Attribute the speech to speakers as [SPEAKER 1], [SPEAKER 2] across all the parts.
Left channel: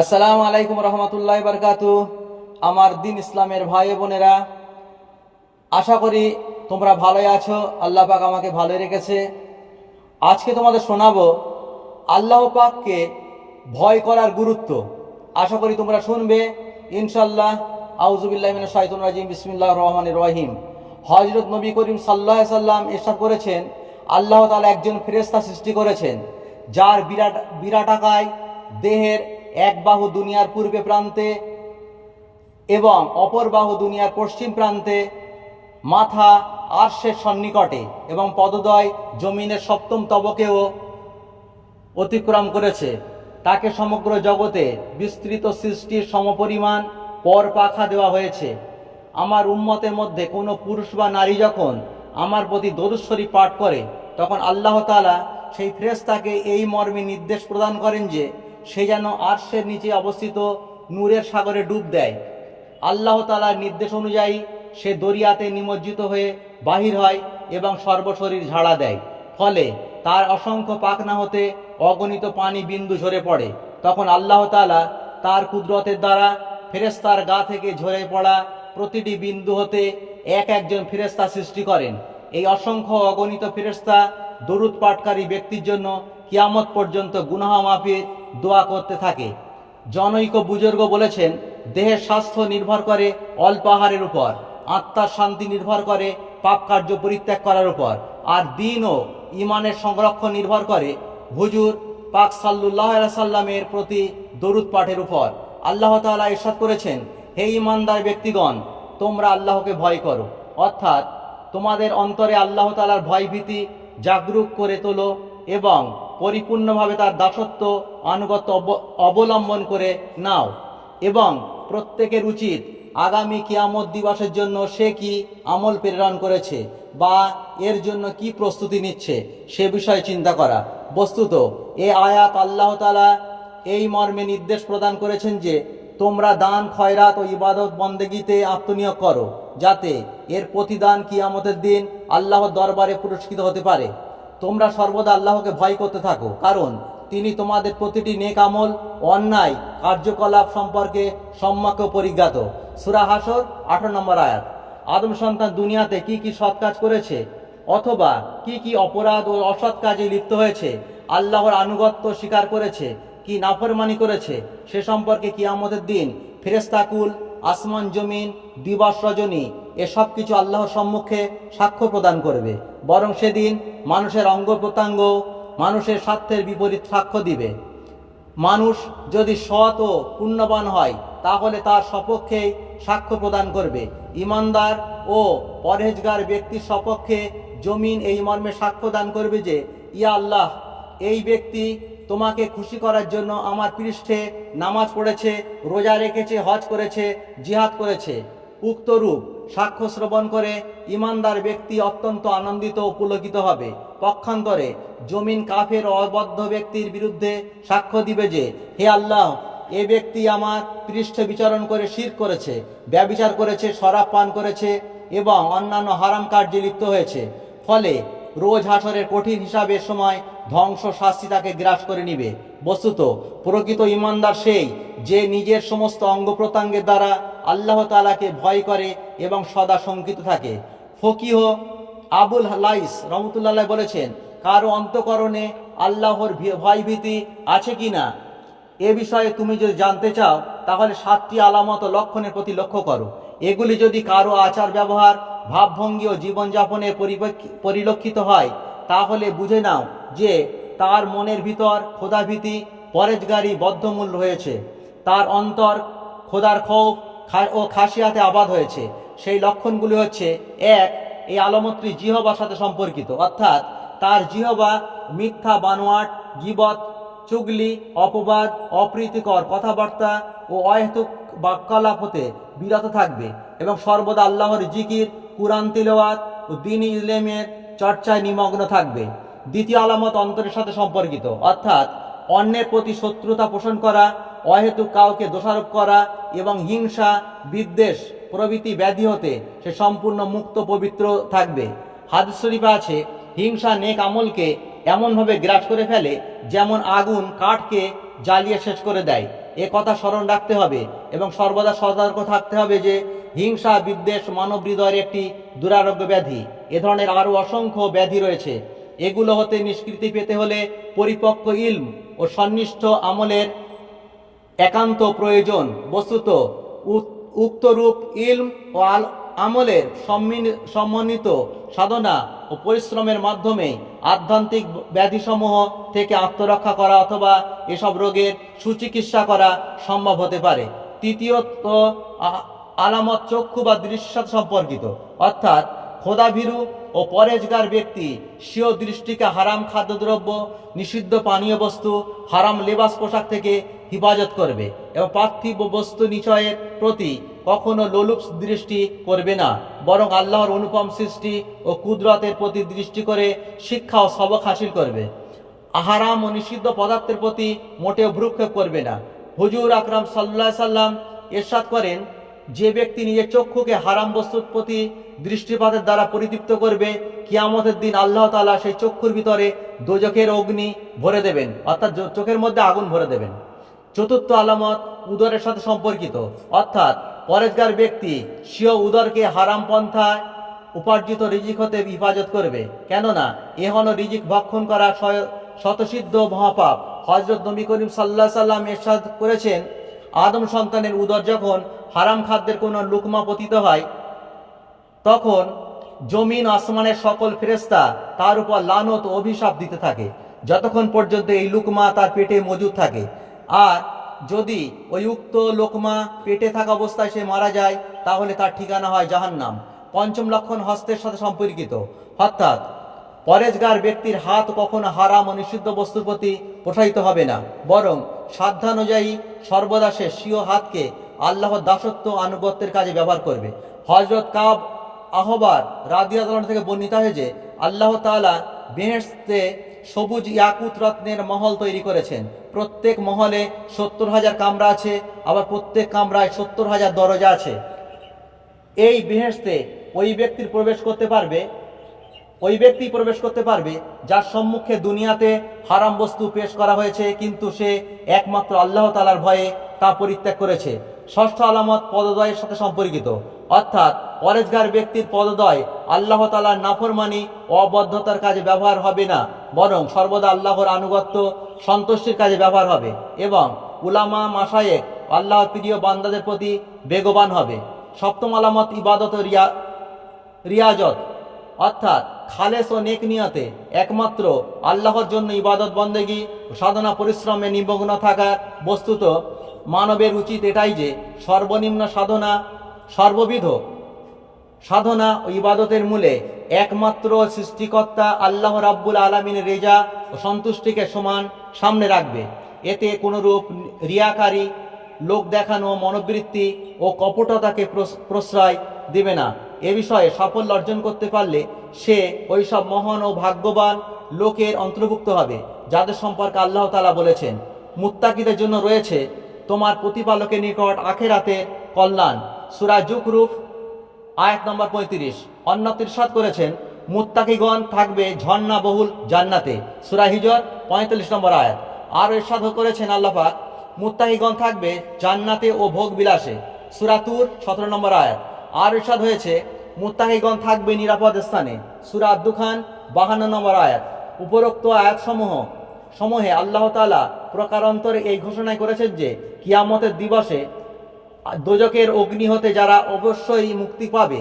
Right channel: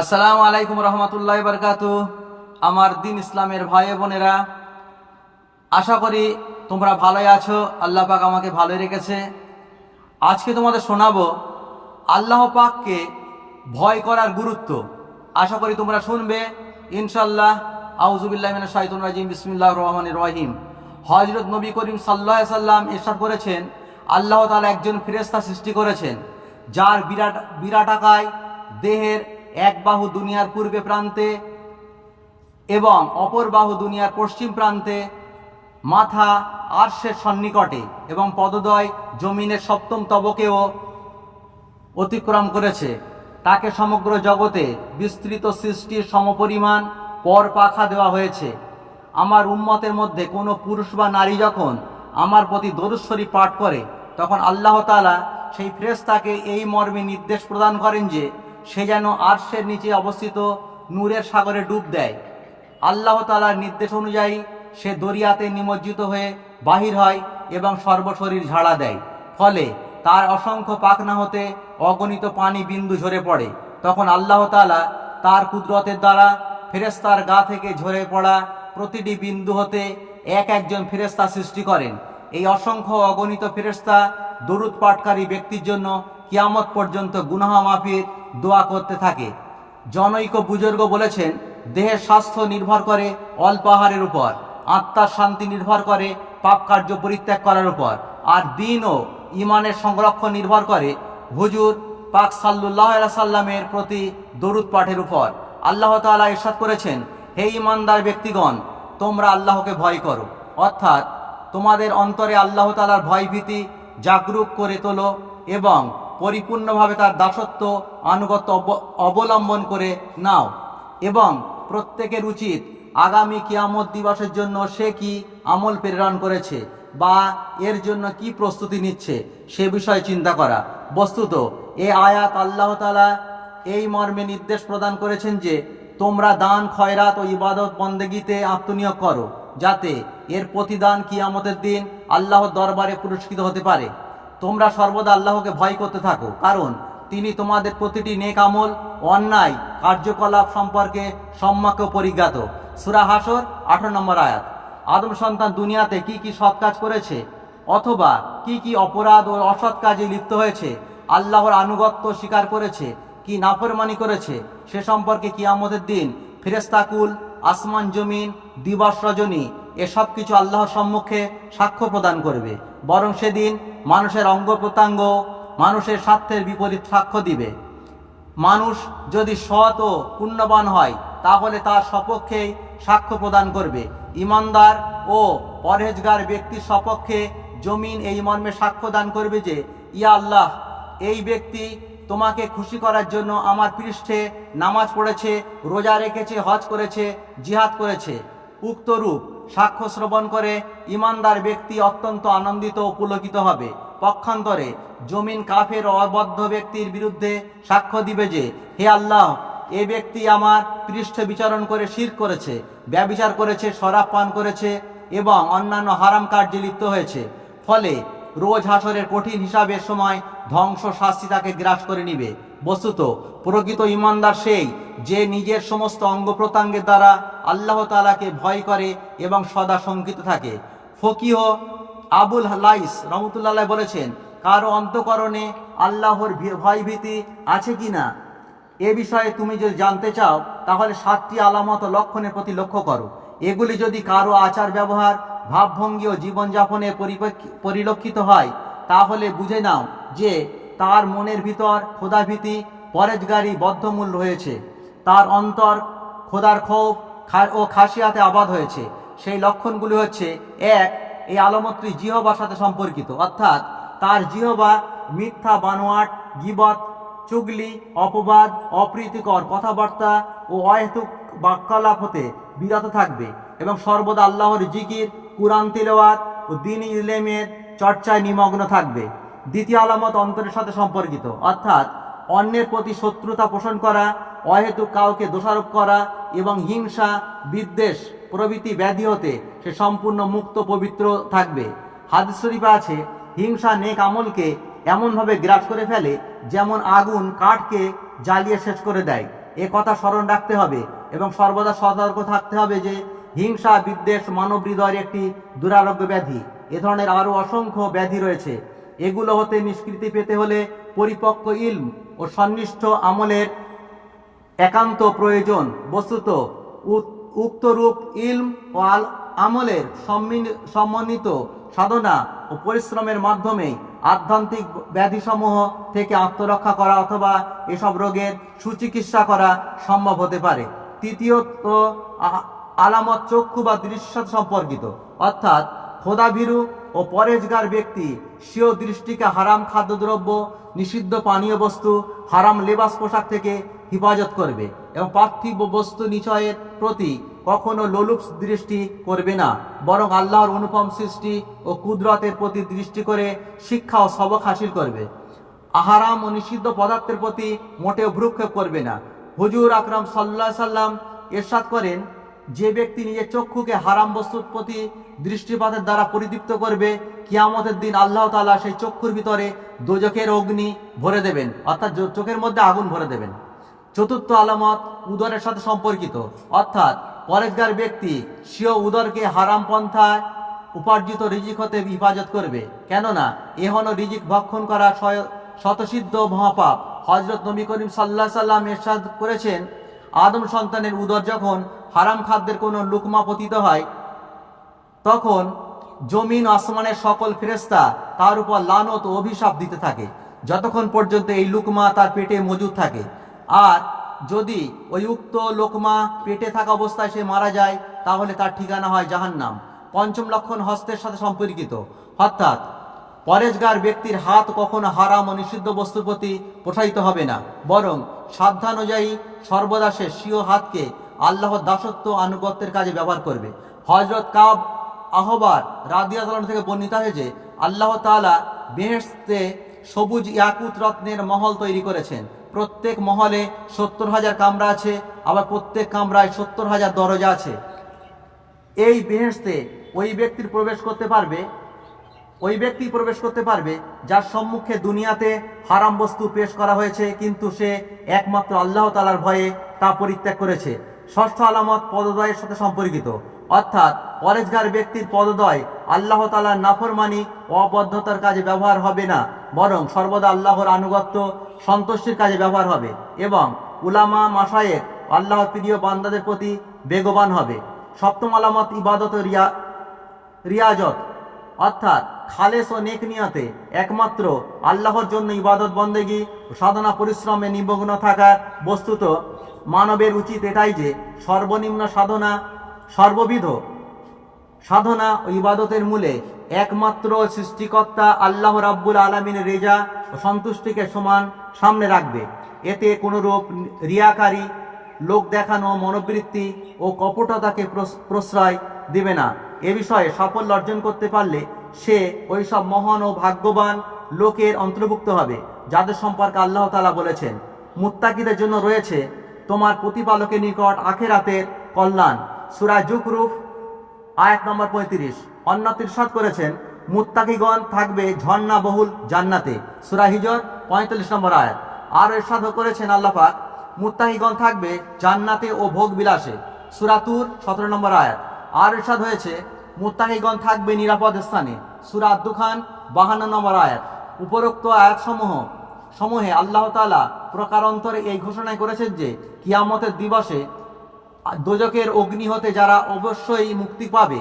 [SPEAKER 1] আসসালামু আলাইকুম রহমতুল্লাহ বারকাতু। আমার দিন ইসলামের ভাই বোনেরা, আশা করি তোমরা ভালোই আছো। আল্লাহ পাক আমাকে ভালোই রেখেছে। আজকে তোমাদের শোনাবো আল্লাহ পাককে ভয় করার গুরুত্ব। আশা করি তোমরা শুনবে। ইনশাল্লাহ আউজুবিল্লাহ শাহিদুল রাজিম বিসমিল্লাহ রহমান রহিম। হজরত নবী করিম সাল্লাহ সাল্লাম এরশাদ করেছেন, আল্লাহ তালা একজন ফেরেস্তা সৃষ্টি করেছেন, যার বিরাট বিরাট আকায় দেহের এক বাহু দুনিয়ার পূর্বে প্রান্তে এবং অপর বাহু দুনিয়ার পশ্চিম প্রান্তে, মাথা আর্শের সন্নিকটে এবং পদদয় জমিনের সপ্তম তবকেও অতিক্রম করেছে। তাকে সমগ্র জগতে বিস্তৃত সৃষ্টির সমপরিমাণ পর পাখা দেওয়া হয়েছে। আমার উম্মতের মধ্যে কোনো পুরুষ বা নারী যখন আমার প্রতি দরুশ্বরী পাঠ করে, তখন আল্লাহ তালা সেই ফ্রেস্তাকে এই মর্মে নির্দেশ প্রদান করেন যে সে যেন আর্শের নিচে অবস্থিত নূরের সাগরে ডুব দেয়। আল্লাহ তালার নির্দেশ অনুযায়ী সে দরিয়াতে নিমজ্জিত হয়ে বাহির হয় এবং সর্বশরীর ঝাড়া দেয়। ফলে তার অসংখ্য পাখনা হতে অগণিত পানি বিন্দু ঝরে পড়ে। তখন আল্লাহ তালা তার কুদরতের দ্বারা ফেরেস্তার গা থেকে ঝরে পড়া প্রতিটি বিন্দু হতে এক একজন ফেরেস্তা সৃষ্টি করেন। এই অসংখ্য অগণিত ফেরেস্তা দরুদ পাঠকারী ব্যক্তির জন্য কিয়ামত পর্যন্ত গুনাহা মাফির দোয়া করতে থাকে। জনৈক বুজুর্গ বলেছেন দেহের স্বাস্থ্য নির্ভর করে অল্প আহারের উপর, আত্মার শান্তি নির্ভর করে পাপ কার্য পরিত্যাগ করার উপর, আর দিন ও ইমানের সংরক্ষণ নির্ভর করে। হুজুর পাক সাল্লুল্লাহ সাল্লামের প্রতি দরুদ পাঠের উপর। আল্লাহ তাআলা ইরশাদ করেছেন, হে ইমানদার ব্যক্তিগণ, তোমরা আল্লাহকে ভয় করো। অর্থাৎ তোমাদের অন্তরে আল্লাহ তাআলার ভয় ভীতি জাগরুক করে তোলো এবং পরিপূর্ণভাবে তার দাসত্ব আনুগত্য অব- অবলম্বন করে নাও। এবং প্রত্যেকের উচিত আগামী কিয়ামত দিবসের জন্য সে কি আমল প্রেরণ করেছে বা এর জন্য কি প্রস্তুতি নিচ্ছে সে বিষয়ে চিন্তা করা। বস্তুত, এ আয়াত আল্লাহ তালা এই মর্মে নির্দেশ প্রদান করেছেন যে, তোমরা দান, খয়রাত ও ইবাদত বন্দেগীতে আত্মনিয়োগ করো, যাতে এর প্রতিদান কিয়ামতের দিন আল্লাহর দরবারে পুরস্কৃত হতে পারে। তোমরা সর্বদা আল্লাহকে ভয় করতে থাকো, কারণ তিনি তোমাদের প্রতিটি নেক আমল, অন্যায়, কার্যকলাপ সম্পর্কে সম্যক পরিজ্ঞাত। সুরা হাসর, আঠারো নম্বর আয়াত। আদম সন্তান দুনিয়াতে কি কি সৎ কাজ করেছে, অথবা কি কি অপরাধ ও অসৎ কাজে লিপ্ত হয়েছে, আল্লাহর আনুগত্য স্বীকার করেছে, কি নাফরমানি করেছে, সে সম্পর্কে কিয়ামতের দিন ফেরেস্তাকুল আসমান জমিন, দিবস রজনী এসব কিছু আল্লাহর সম্মুখে সাক্ষ্য প্রদান করবে। বরং সেদিন মানুষের অঙ্গ প্রত্যঙ্গ, মানুষের স্বার্থের বিপরীত সাক্ষ্য দিবে। মানুষ যদি সৎ ও পুণ্যবান হয়, তাহলে তার সপক্ষেই সাক্ষ্য প্রদান করবে। ইমানদার ও পরহেজগার ব্যক্তির সপক্ষে জমিন এই মর্মে সাক্ষ্য দান করবে যে, ইয়া আল্লাহ, এই ব্যক্তি তোমাকে খুশি করার জন্য আমার পৃষ্ঠে নামাজ পড়েছে, রোজা রেখেছে, হজ করেছে, জিহাদ করেছে। উক্ত রূপ সাক্ষ্য শ্রবণ করে ইমানদার ব্যক্তি অত্যন্ত আনন্দিত ও পুলকিত হবে। পক্ষান্তরে জমিন কাফের অবদ্ধ ব্যক্তির বিরুদ্ধে সাক্ষ্য দিবে যে, হে আল্লাহ, এ ব্যক্তি আমার পৃষ্ঠ বিচারণ করে শির করেছে, ব্যবিচার করেছে, শরাব পান করেছে এবং অন্যান্য হারাম কার্যে লিপ্ত হয়েছে। ফলে রোজ হাসরের কঠিন হিসাবের সময় ধ্বংস শাস্তি তাকে গ্রাস করে নিবে। বস্তুত, প্রকৃত ইমানদার সেই যে নিজের সমস্ত অঙ্গ প্রত্যঙ্গের দ্বারা আল্লাহ তালাকে ভয় করে এবং সদা শঙ্কিত থাকে। ফকিহ আবুল লাইস রহমতুল্লাহ বলেছেন, কারও অন্তকরণে আল্লাহর ভি- ভয় আছে কি না এ বিষয়ে তুমি যদি জানতে চাও, তাহলে সাতটি আলামত লক্ষণের প্রতি লক্ষ্য করো। এগুলি যদি কারও আচার ব্যবহার, ভাবভঙ্গি ও জীবনযাপনে পরিলক্ষিত হয়, তাহলে বুঝে নাও যে তার মনের ভিতর খোদাভীতি, পরেজগারি, বদ্ধমূল রয়েছে। তার অন্তর খোদার ক্ষোভ ও খাসিয়াতে আবাদ হয়েছে। সেই লক্ষণগুলি হচ্ছে, এক, এই আলমত্রী জিহবার সাথে সম্পর্কিত, অর্থাৎ তার জিহবা মিথ্যা, বানোয়াট, গিবত, চুগলি, অপবাদ, অপ্রীতিকর কথাবার্তা ও অহেতুক বাক্যালাপ হতে বিরত থাকবে এবং সর্বদা আল্লাহর জিকির, কুরআন তিলওয়াত ও দিন ইসলামের চর্চায় নিমগ্ন থাকবে। দ্বিতীয় আলামত অন্তরের সাথে সম্পর্কিত, অর্থাৎ অন্যের প্রতি শত্রুতা পোষণ করা, অহেতুক কাউকে দোষারোপ করা এবং হিংসা, বিদ্বেষ প্রভৃতি ব্যাধি হতে সে সম্পূর্ণ মুক্ত পবিত্র থাকবে। হাদিস শরীফে আছে, হিংসা নেক আমলকে এমনভাবে গ্রাস করে ফেলে যেমন আগুন কাঠকে জ্বালিয়ে শেষ করে দেয়। এ কথা স্মরণ রাখতে হবে এবং সর্বদা সতর্ক থাকতে হবে যে হিংসা, বিদ্বেষ মানব হৃদয়ের একটি দুরারোগ্য ব্যাধি। এ ধরনের আরও অসংখ্য ব্যাধি রয়েছে। এগুলো হতে নিষ্কৃতি পেতে হলে পরিপক্ক ইলম ও সন্নিষ্ঠ আমলের একান্ত প্রয়োজন। বস্তুত উক্তরূপ ইলম ও আল আমলের সমন্বিত সাধনা ও পরিশ্রমের মাধ্যমে আধ্যাত্মিক ব্যাধিসমূহ থেকে আত্মরক্ষা করা অথবা এসব রোগের সুচিকিৎসা করা সম্ভব হতে পারে। তৃতীয়ত আলামত চক্ষু বা দৃশ্যের সাথে সম্পর্কিত। অর্থাৎ খোদাভীরু ও পরেজগার ব্যক্তি স্বীয় দৃষ্টিকে হারাম খাদ্যদ্রব্য, নিষিদ্ধ পানীয় বস্তু, হারাম লেবাস পোশাক থেকে হিফাজত করবে এবং পার্থিব বস্তু নিচয়ের প্রতি কখনো লোলুপ দৃষ্টি করবে না, বরং আল্লাহর অনুপম সৃষ্টি ও কুদরতের প্রতি দৃষ্টি করে শিক্ষা ও সবক হাসিল করবে। আহারাম ও নিষিদ্ধ পদার্থের প্রতি মোটেও ভ্রুক্ষেপ করবে না। হুজুর আকরাম সাল্লাহ সাল্লাম এরশাদ করেন, যে ব্যক্তি নিজের চক্ষুকে হারাম বস্তুর প্রতি দৃষ্টিপাতের দ্বারা পরিদীপ্ত করবে, কিয়ামতের দিন আল্লাহ তালা সেই চক্ষুর ভিতরে দোজখের অগ্নি ভরে দেবেন, অর্থাৎ চোখের মধ্যে আগুন ভরে দেবেন। চতুর্থ আলামত উদরের সাথে সম্পর্কিত। অর্থাৎ পরেজগার ব্যক্তি স্বীয় উদরকে হারাম পন্থায় উপার্জিত রিজিক হতে হিফাজত করবে। কেননা এহন রিজিক ভক্ষণ করা শতসিদ্ধ মহাপাপ। হজরত নবী করিম সাল্লাহ সাল্লাম এরশাদ করেছেন, আদম সন্তানের উদর যখন হারাম খাদ্যের কোনো লুকমা পতিত হয়, তখন জমিন আসমানের সকল ফেরেস্তা তার উপর লানত অভিশাপ দিতে থাকে। যতক্ষণ পর্যন্ত এই লুকমা তার পেটে মজুদ থাকে আর যদি ওই উক্ত লোকমা পেটে থাকা অবস্থায় সে মারা যায়, তাহলে তার ঠিকানা হয় জাহান্নাম, পঞ্চম লক্ষণ হস্তের সাথে সম্পর্কিত। অর্থাৎ পরেজগার ব্যক্তির হাত কখনো হারাম ও নিষিদ্ধ বস্তুর প্রতি প্রসারিত হবে না। বরং, সাধ্যানুযায়ী সর্বদা সে স্বীয় হাতকে আল্লাহর দাসত্ব আনুগত্যের কাজে ব্যবহার করবে। হজরত কাব আহবার রাদিয়াতলন থেকে বর্ণিত হয়েছে আল্লাহ তালা বেহেশতে সবুজ ইয়াকুত রত্নের মহল তৈরি করেছেন। প্রত্যেক মহলে সত্তর হাজার কামরা আছে, আবার প্রত্যেক কামরায় সত্তর হাজার দরজা আছে। এই বেহেশতে ওই ব্যক্তির প্রবেশ করতে পারবে, ওই ব্যক্তি প্রবেশ করতে পারবে যার সম্মুখে দুনিয়াতে হারাম বস্তু পেশ করা হয়েছে, কিন্তু সে একমাত্র আল্লাহ তালার ভয়ে তা পরিত্যাগ করেছে। ষষ্ঠ আলামত পদদয়ের সাথে সম্পর্কিত। অর্থাৎ পরেজগার ব্যক্তির পদদয় আল্লাহ তালার নাফরমানি অবদ্ধতার কাজে ব্যবহার হবে না। বরং সর্বদা আল্লাহর আনুগত্য সন্তুষ্টির কাজে ব্যবহার হবে এবং উলামা মাসায়েক আল্লাহর প্রিয় বান্দাদের প্রতি বেগবান হবে। সপ্তম আলামত, ইবাদত রিয়া রিয়াজত। অর্থাৎ খালেস ও নেক নিয়তে একমাত্র আল্লাহর জন্য ইবাদত, বন্দেগী সাধনা, পরিশ্রমে নিমগ্ন থাকার বস্তুত। মানবের উচিত এটাই যে সর্বনিম্ন সাধনা, সর্ববিধ সাধনা ও ইবাদতের মূলে একমাত্র সৃষ্টিকর্তা আল্লাহ রাব্বুল আলমিনের রেজা ও সন্তুষ্টিকে সমান সামনে রাখবে। এতে কোনোরূপ রিয়াকারী, লোক দেখানো, মনোবৃত্তি ও কপটতাকে প্রশ্রয় দিবে না। এ বিষয়ে সাফল্য অর্জন করতে পারলে সে ওইসব মহান ও ভাগ্যবান লোকের অন্তর্ভুক্ত হবে, যাদের সম্পর্কে আল্লাহ তালা বলেছেন। মুত্তাকিদের জন্য রয়েছে তোমার প্রতিপালকের নিকট আখেরাতের কল্যাণ। সুরা জুকরুফ আয়াত নম্বর পঁয়ত্রিশ। অন্য তিরসাদ করেছেন, মুত্তাকিগণ থাকবে ঝর্ণা বহুল জান্নাতে সুরাহিজর পঁয়তাল্লিশ নম্বর আয়াত। আর এরশাদ করেছেন আল্লাপাক মুত্তাকিগণ থাকবে জান্নাতে ও ভোগ বিলাসে। সুরাতুর সতেরো নম্বর আয়াত। আর এরশাদ হয়েছে, মুত্তাকিগণ থাকবে নিরাপদ স্থানে। সুরা আব্দুখান বাহান্ন নম্বর আয়াত। উপরোক্ত আয়াতসমূহ, সমূহে আল্লাহ তালা প্রকারান্তরে এই ঘোষণায় করেছেন যে, কিয়ামতের দিবসে দোজকের অগ্নি হতে যারা অবশ্যই মুক্তি পাবে।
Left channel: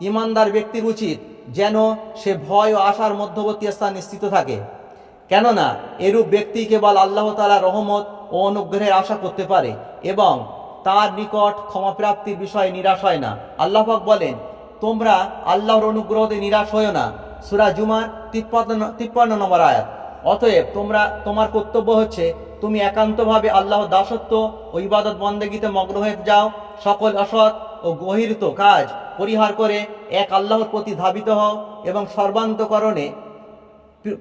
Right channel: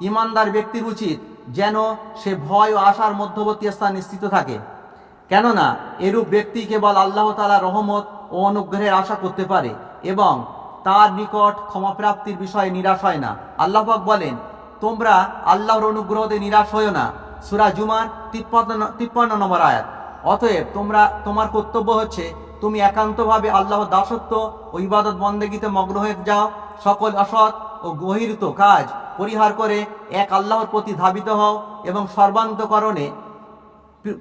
[SPEAKER 1] ইমানদার ব্যক্তির উচিত যেন সে ভয় ও আশার মধ্যবর্তী স্থানে নিশ্চিত থাকে। কেননা এরূপ ব্যক্তি কেবল আল্লাহ তালা রহমত ও অনুগ্রহের আশা করতে পারে এবং তার নিকট ক্ষমাপ্রাপ্তির বিষয়ে নিরাশ হয় না। আল্লাহাক বলেন, তোমরা আল্লাহর অনুগ্রহতে নিরাশ হইও না। সুরা জুমার তিপ্পান্ন তিপ্পান্ন নম্বর আয়াত। অতএব তোমরা, তোমার কর্তব্য হচ্ছে তুমি একান্তভাবে আল্লাহর দাসত্ব ও ইবাদত বন্দেগীতে মগ্ন হয়ে যাও সকল অসৎ ও গহিরত কাজ পরিহার করে এক আল্লাহর প্রতি ধাবিত হও এবং সর্বান্তকরণে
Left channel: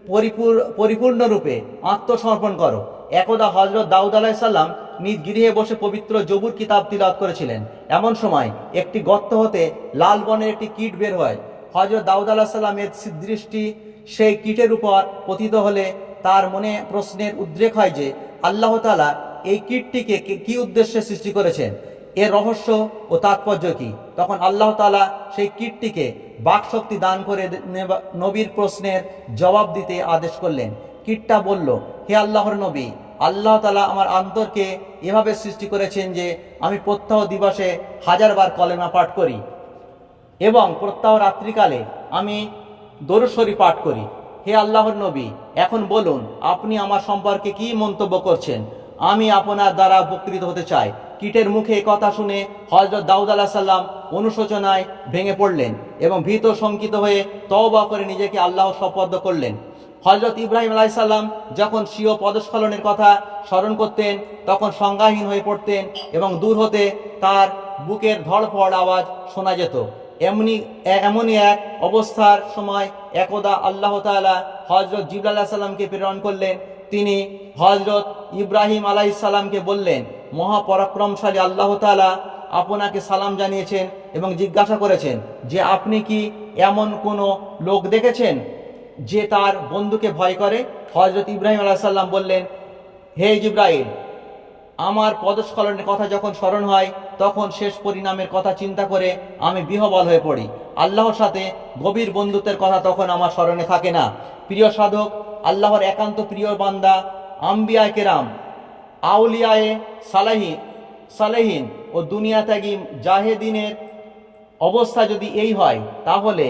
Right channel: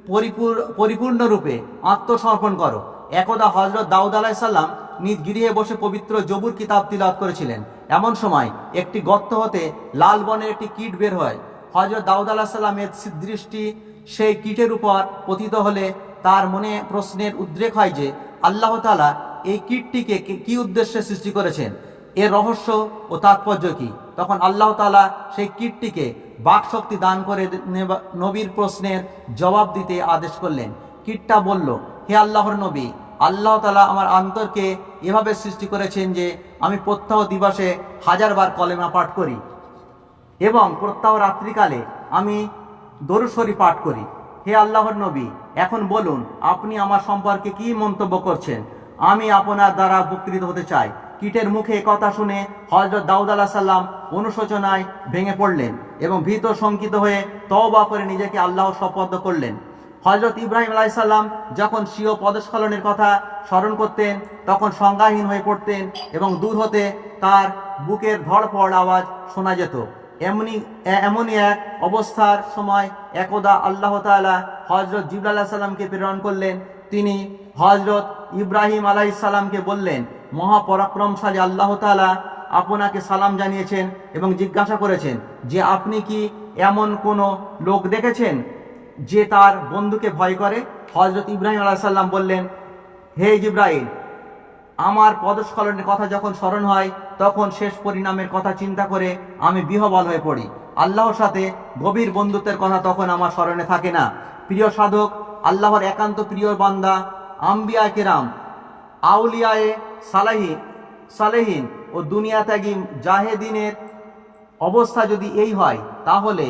[SPEAKER 1] পরিপূর- পরিপূর্ণরূপে আত্মসমর্পণ করো। একদা হজরত দাউদ আলাইসাল্লাম নিজ গৃহে বসে পবিত্র জবুর কিতাব তিলাওয়াত করেছিলেন। এমন সময় একটি গর্ত হতে লাল বনের একটি কীট বের হয়। হজরত দাউদ আলাহ সাল্লামের দৃষ্টি সেই কীটের উপর পতিত হলে তার মনে প্রশ্নের উদ্রেক হয় যে, আল্লাহ তালা এই কীটটিকে কি উদ্দেশ্যে সৃষ্টি করেছেন? এর রহস্য ও তাৎপর্য কি? তখন আল্লাহ তালা সেই কীটটিকে বাকশক্তি দান করে নবীর প্রশ্নের জবাব দিতে আদেশ করলেন। কীটটা বলল, হে আল্লাহর নবী, আল্লাহ তালা আমার অন্তরকে এভাবে সৃষ্টি করেছেন যে আমি প্রত্যহ দিবসে হাজারবার কলেমা পাঠ করি এবং প্রত্যহ রাত্রিকালে আমি দরুসরি পাঠ করি। হে আল্লাহর নবী, এখন বলুন, আপনি আমার সম্পর্কে কি মন্তব্য করছেন? আমি আপনার দ্বারা উপকৃত হতে চাই। কীটের মুখে কথা শুনে হজরত দাউদ আলাহ সাল্লাম অনুশোচনায় ভেঙে পড়লেন এবং ভীত শঙ্কিত হয়ে তওবা করে নিজেকে আল্লাহ শপথ করলেন। হজরত ইব্রাহিম আলাইসাল্লাম যখন স্বীয় পদস্খলনের কথা স্মরণ করতেন, তখন সংজ্ঞাহীন হয়ে পড়তেন এবং দূর হতে তার বুকের ধড়ফড় আওয়াজ শোনা যেত। এমনি, এমনই এক অবস্থার সময় একদা আল্লাহ তাআলা হজরত জিবলা সাল্লামকে প্রেরণ করলেন। তিনি হজরত ইব্রাহিম আলাইসাল্লামকে বললেন মহাপরাক্রমশালী আল্লাহ তাআলা আপনাকে সালাম জানিয়েছেন এবং জিজ্ঞাসা করেছেন যে আপনি কি এমন কোনো লোক দেখেছেন যে তার বন্ধুকে ভয় করে? হজরত ইব্রাহিম আলাইসাল্লাম বললেন, হে ইব্রাহিম আমার পদস্খলনের কথা যখন স্মরণ হয়, তখন শেষ পরিণামের কথা চিন্তা করে আমি বিহবল হয়ে পড়ি। আল্লাহর সাথে গভীর বন্ধুত্বের কথা তখন আমার স্মরণে থাকে না। প্রিয় সাধক, আল্লাহর একান্ত প্রিয় বান্দা আম্বিয়া কেরাম আউলিয়ায়ে সালাহি, সালেহীন ও দুনিয়া ত্যাগী জাহেদিনের অবস্থা যদি এই হয়, তাহলে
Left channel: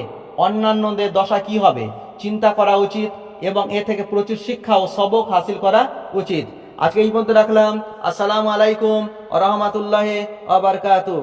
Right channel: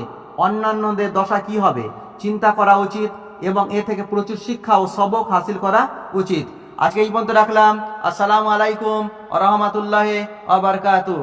[SPEAKER 1] অন্যান্যদের দশা কি হবে? চিন্তা করা উচিত এবং এ থেকে প্রচুর শিক্ষা ও সবক হাসিল করা উচিত। আজকে এই পর্যন্ত রাখলাম। আসসালামু আলাইকুম রহমতুল্লাহ আবরকাতু